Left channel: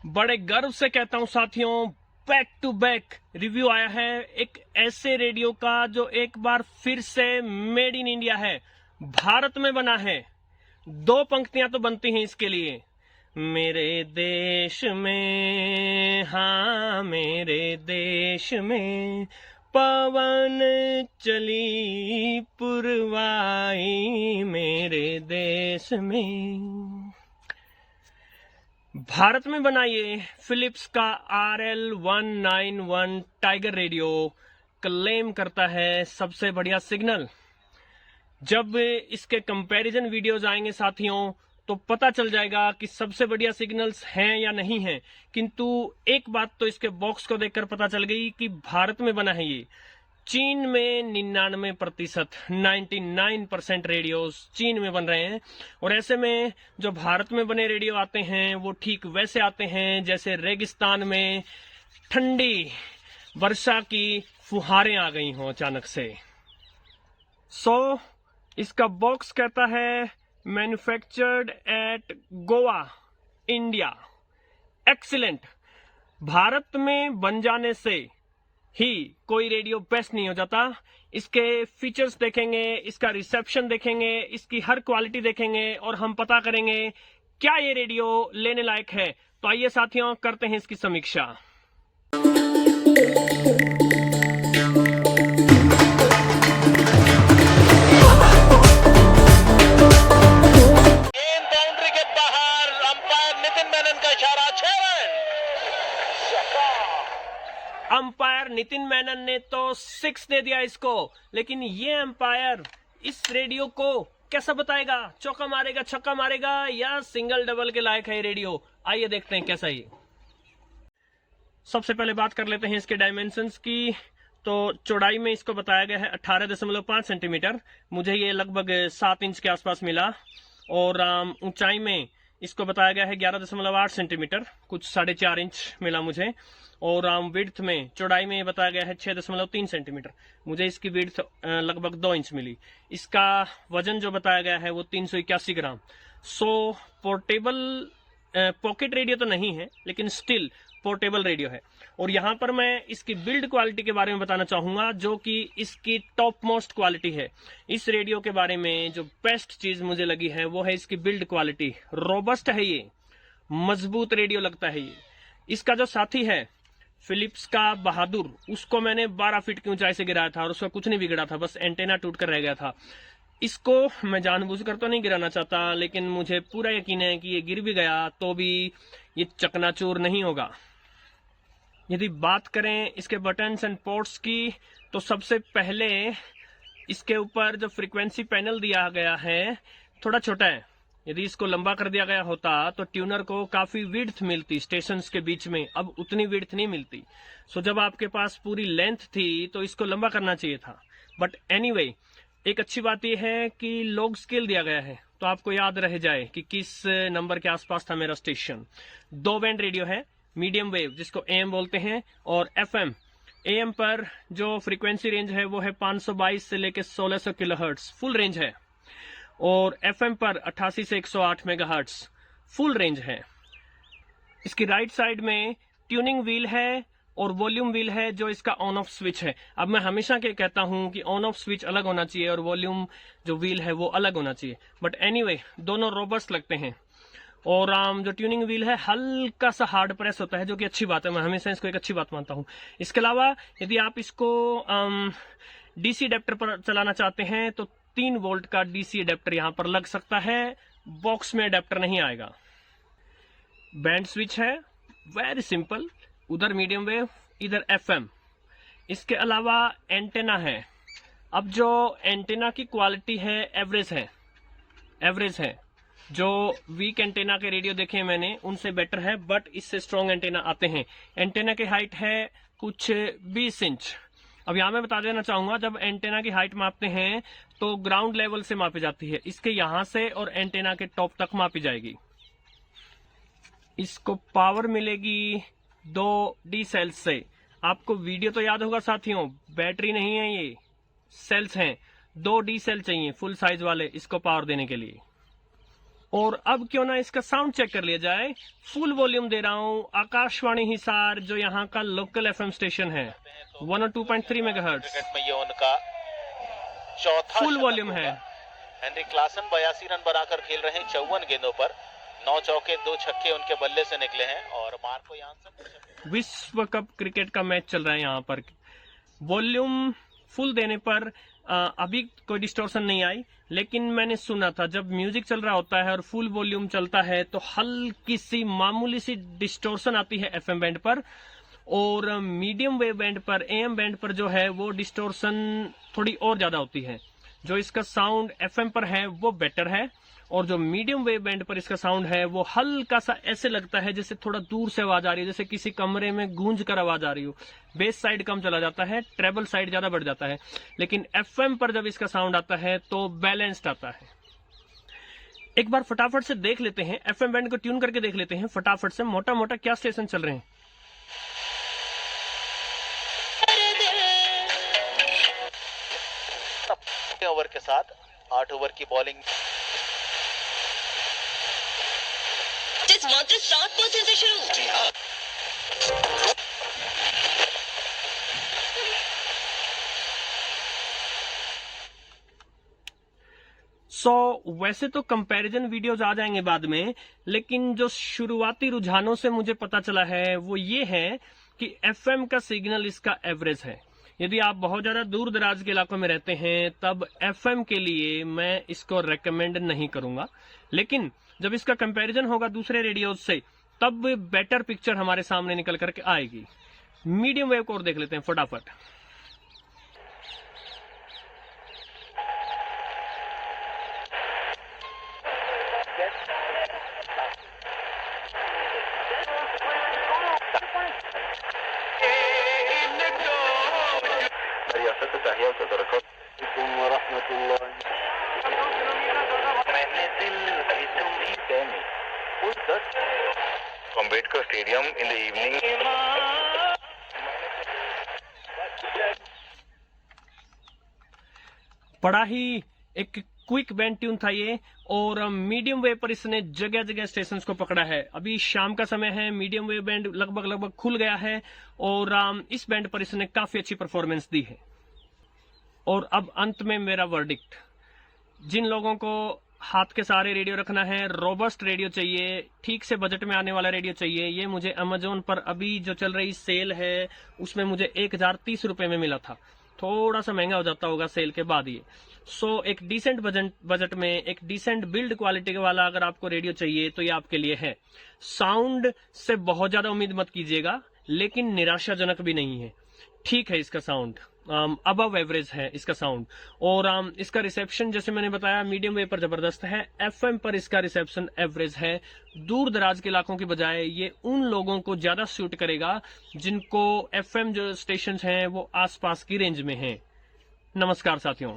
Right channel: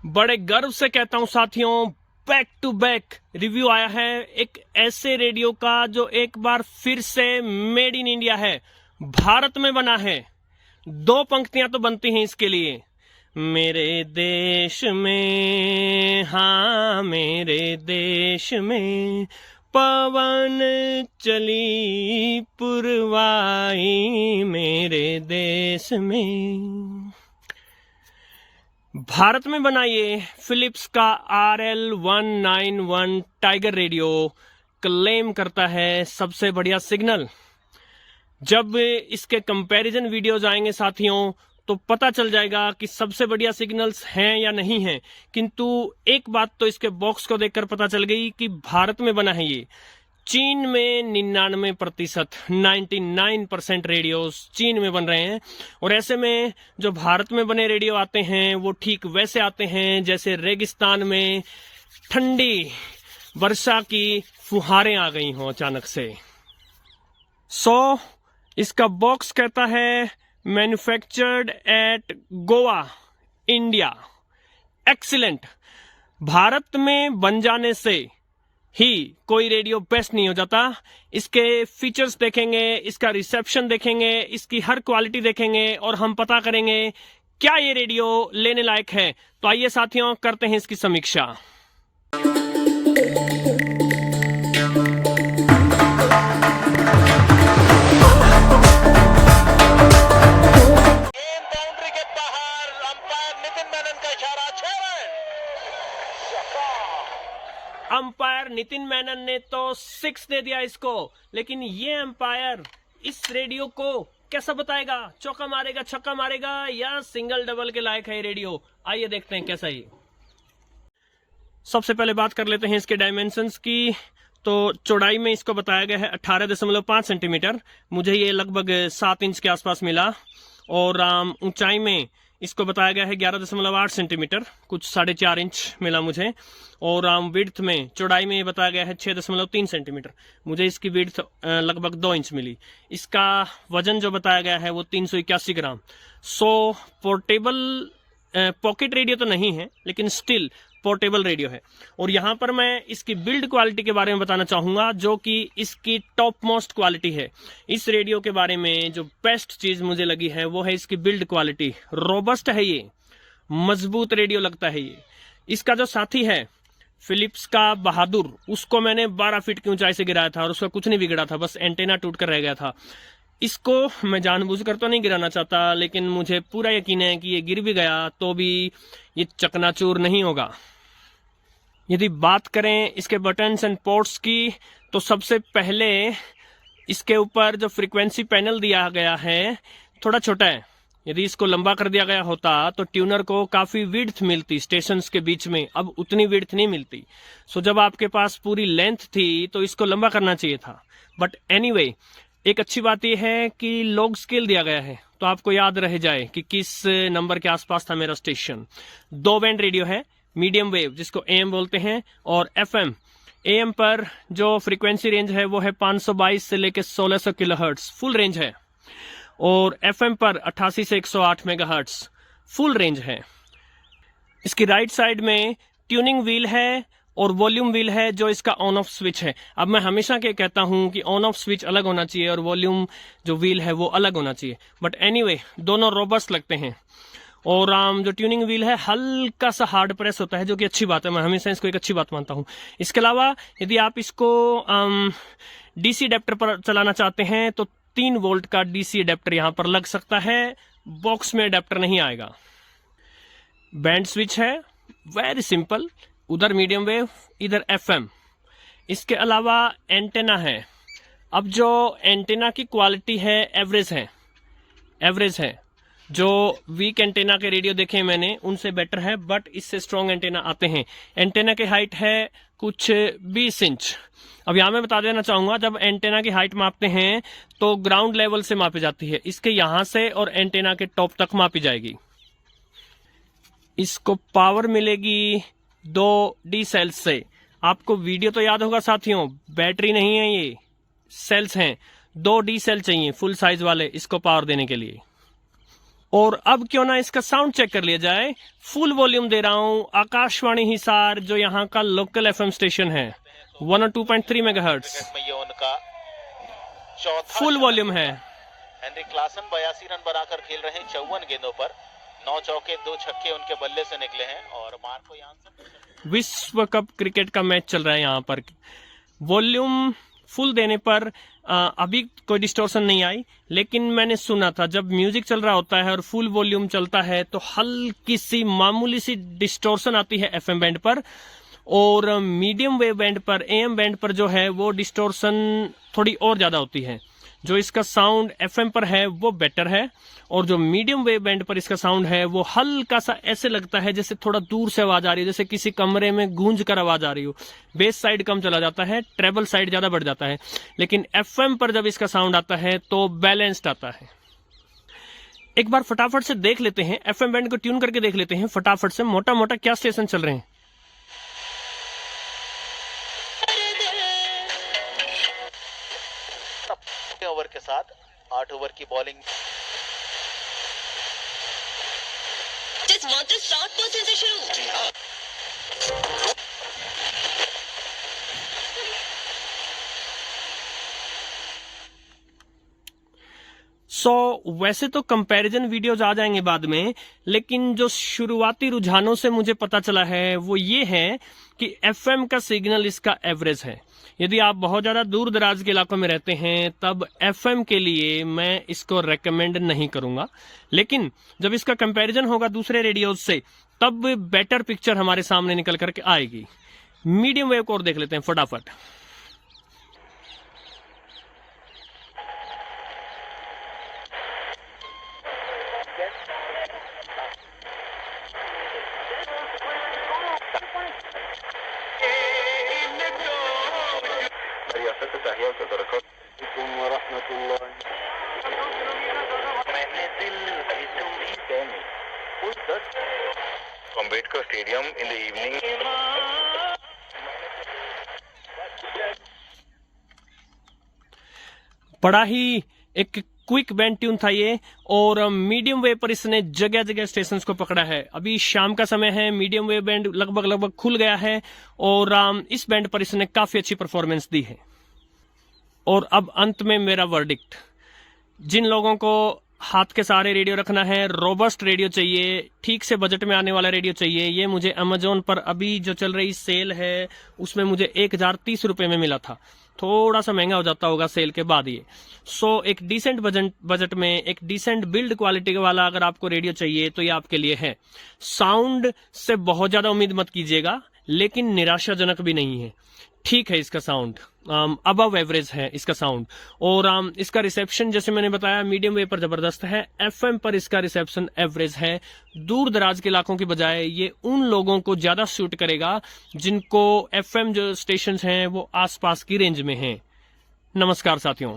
बड़े गर्व से कहता हूं साथियों, बैक टू बैक रिव्यू आया है एक ऐसे रेडियो का जो एक बार फिर से मेड इन इंडिया है, भारत में बना है। दो पंक्तियां तो बनती हैं इसके लिए। मेरे देश में, हाँ मेरे देश में पवन चली पुरवाई, मेरे देश में। भारत में बना ये फिलिप्स का RL191 टाइगर रेडियो क्लेम करता है सबसे बढ़िया सिग्नल। जब इसके कंपैरिजन वीडियोज आएंगे साथियों तो पता चल जाएगा कि सबसे बढ़िया सिग्नल्स हैं या नहीं हैं। किंतु एक बात तो इसके बॉक्स को देखकर पता चल गई कि भारत में बना है ये। चीन में 99%, 99% रेडियोस चीन में बन रहे हैं। और ऐसे में जो भारत में बने रेडियो आते हैं वो ठीक वैसे आते हैं जैसे रेगिस्तान में ठंडी वर्षा की फुहारें आ गई हों अचानक से। इसका बॉक्स कहता है manufactured at Goa, India. Excellent. भारत में बन जाने से ही कोई रेडियो बेस्ट नहीं हो जाता। इसके फीचर्स देखेंगे, इसका रिसेप्शन देखेंगे, इसकी हर क्वालिटी देखेंगे और हम पता करेंगे क्या ये रेडियो लेने लायक है। तो आइए साथियों करते हैं इसकी समीक्षा। बाउंड्री के बाहर अंपायर नितिन मेनन का इशारा, 6 रन। अंपायर नितिन मेनन ने तो 6 दे दिया इसको, लेकिन ये अंपायर इस रेडियो को कैसा बताएगा? चौका मारेगा, छक्का मारेगा या सिंगल डबल के लायक है ये रेडियो? आइए देखते हैं कैसा ये। सबसे पहले बात कर लेते हैं इसके डायमेंशंस की। तो चौड़ाई में इसको बताया गया है 18.5 सेंटीमीटर, मुझे ये लगभग 7 इंच के आसपास मिला। और ऊंचाई में इसको बताया गया है 11.8 सेंटीमीटर, कुछ 4.5 इंच मिला मुझे। और विड्थ में, चौड़ाई में ये बताया गया है 6.3 सेंटीमीटर, मुझे इसकी विड्थ लगभग 2 इंच मिली। इसका वजन जो बताया गया है वो 381 ग्राम। पोर्टेबल पॉकेट रेडियो तो नहीं है, लेकिन स्टिल पोर्टेबल रेडियो है। और यहाँ पर मैं इसकी बिल्ड क्वालिटी के बारे में बताना चाहूंगा, जो कि इसकी टॉप मोस्ट क्वालिटी है। इस रेडियो के बारे में जो बेस्ट चीज मुझे लगी है वो है इसकी बिल्ड क्वालिटी। रोबस्ट है ये, मजबूत रेडियो लगता है ये। इसका जो साथी है फिलिप्स का बहादुर, उसको मैंने 12 फीट की ऊंचाई से गिराया था और उसका कुछ नहीं बिगड़ा था, बस एंटेना टूट कर रह गया था। इसको मैं जानबूझकर तो नहीं गिराना चाहता, लेकिन मुझे पूरा यकीन है कि ये गिर भी गया तो भी ये चकनाचूर नहीं होगा। यदि बात करें इसके बटन्स एंड पोर्ट्स की, तो सबसे पहले इसके ऊपर जो फ्रीक्वेंसी पैनल दिया गया है थोड़ा छोटा है। यदि इसको लंबा कर दिया गया होता तो ट्यूनर को काफी विड्थ मिलती स्टेशंस के बीच में, अब उतनी विड्थ नहीं मिलती। जब आपके पास पूरी लेंथ थी तो इसको लंबा करना चाहिए था। बट एनीवे, एक अच्छी बात यह है कि लॉग स्केल दिया गया है तो आपको याद रह जाए कि किस नंबर के आसपास था मेरा स्टेशन। 2 बैंड रेडियो है, मीडियम वेव जिसको AM बोलते हैं, और FM। AM पर जो फ्रीक्वेंसी रेंज है वो है 522 से लेकर 1600 किलोहर्ट्ज, फुल रेंज है। और FM पर 88 से 108 मेगाहर्ट्ज, फुल रेंज है। इसकी राइट साइड में ट्यूनिंग व्हील है और वॉल्यूम व्हील है जो इसका ऑन ऑफ स्विच है। अब मैं हमेशा के कहता हूं कि ऑन ऑफ स्विच अलग होना चाहिए और वॉल्यूम जो व्हील है वो अलग होना चाहिए, बट एनीवे दोनों रोबस्ट लगते हैं। और जो ट्यूनिंग व्हील है हल्का सा हार्ड प्रेस होता है, जो कि अच्छी बात है, मैं हमेशा इसको एक अच्छी बात मानता हूं। इसके अलावा यदि आप इसको DC अडेप्टर पर चलाना चाहते हैं तो 3 वोल्ट का DC अडेप्टर यहां पर लग सकता है, बॉक्स में अडेप्टर नहीं आएगा। बैंड स्विच है, वेरी सिंपल, उधर मीडियम वेव, इधर FM। इसके अलावा एंटेना है। अब जो एंटेना की क्वालिटी है एवरेज है। जो वीक एंटेना के रेडियो देखे मैंने उनसे बेटर है, बट इससे स्ट्रॉन्ग एंटेना आते हैं। एंटेना की हाइट है कुछ 20 इंच। अब यहाँ मैं बता देना चाहूंगा, जब एंटेना की हाइट मापते हैं तो ग्राउंड लेवल से मापी जाती है, इसके यहां से और एंटेना के टॉप तक मापी जाएगी। इसको पावर मिलेगी 2 D सेल्स से। आपको वीडियो तो याद होगा साथियों, बैटरी नहीं है ये, सेल्स हैं। 2 D सेल चाहिए फुल साइज वाले इसको पावर देने के लिए। और अब क्यों ना इसका साउंड चेक कर लिया जाए। फुल वॉल्यूम दे रहा हूं, आकाशवाणी हिसार जो यहाँ का लोकल एफएम स्टेशन है 102.3 मेगाहर्ट्ज में ये उनका चौथा फुल शतक वॉल्यूम होगा। है। हेनरी क्लासन 82 रन बनाकर खेल रहे हैं 54 गेंदों पर। 9 चौके 2 छक्के उनके बल्ले से निकले हैं और मार्को यानसन विश्व कप क्रिकेट का मैच चल रहा है यहाँ पर। वॉल्यूम फुल देने पर अभी कोई डिस्टॉर्शन नहीं आई, लेकिन मैंने सुना था जब म्यूजिक चल रहा होता है और फुल वॉल्यूम चलता है तो हल्की सी मामूली सी डिस्टॉर्शन आती है एफएम बैंड पर, और मीडियम वेव बैंड पर, एएम बैंड पर जो है वो डिस्टॉर्शन थोड़ी और ज्यादा होती है। जो इसका साउंड एफएम पर है वो बेटर है, और जो मीडियम वेव बैंड पर इसका साउंड है वो हल्का सा ऐसे लगता है जैसे थोड़ा दूर से आवाज आ रही है, जैसे किसी कमरे में गूंज कर आवाज आ रही हो। बेस साइड कम चला जाता है, ट्रेबल साइड ज्यादा बढ़ जाता है, लेकिन एफएम पर जब इसका साउंड आता है तो बैलेंस्ड आता है। एक बार फटाफट से देख लेते हैं, एफएम बैंड को ट्यून करके देख लेते हैं फटाफट से, मोटा मोटा क्या स्टेशन चल रहे हैं। ओवर के साथ 8 ओवर की बॉलिंग। मात्र 60% से शुरू। वैसे तो कंपैरिजन वीडियोज आ जाएंगे बाद में, लेकिन जो शुरुआती रुझानों से मुझे पता चला है वो ये है कि एफएम का सिग्नल इसका एवरेज है। यदि आप बहुत ज्यादा दूर दराज के इलाकों में रहते हैं तब एफएम के लिए मैं इसको रेकमेंड नहीं करूंगा, लेकिन जब इसका कंपैरिजन होगा दूसरे रेडियोज से तब बेटर पिक्चर हमारे सामने निकल करके आएगी। मीडियम वेव को और देख लेते हैं फटाफट। Ambedkar stadium in the evening. बड़ा ही एक क्विक बैंड ट्यून था ये, और मीडियम वेव पर इसने जगह जगह स्टेशंस को पकड़ा है। अभी शाम का समय है, मीडियम वेव बैंड लगभग खुल गया है, और इस बैंड पर इसने काफी अच्छी परफॉर्मेंस दी है। और अब अंत में मेरा वर्डिक्ट, जिन लोगों को हाथ के सहारे रेडियो रखना है, रोबस्ट रेडियो चाहिए, ठीक से बजट में आने वाला रेडियो चाहिए, ये मुझे अमेजोन पर अभी जो चल रही सेल है उसमें मुझे 1030 रुपए में मिला था। थोड़ा सा महंगा हो जाता होगा सेल के बाद ये। एक डिसेंट बजट में एक डिसेंट बिल्ड क्वालिटी वाला अगर आपको रेडियो चाहिए तो ये आपके लिए है। साउंड से बहुत ज्यादा उम्मीद मत कीजिएगा, लेकिन निराशाजनक भी नहीं है, ठीक है इसका साउंड, अबव एवरेज है इसका साउंड। और इसका रिसेप्शन जैसे मैंने बताया मीडियम वेव पर जबरदस्त है, एफएम पर इसका रिसेप्शन एवरेज है। दूर दराज के इलाकों की बजाय ये उन लोगों को ज्यादा सूट करेगा जिनको एफएम जो स्टेशंस हैं वो आसपास की रेंज में हैं। नमस्कार साथियों।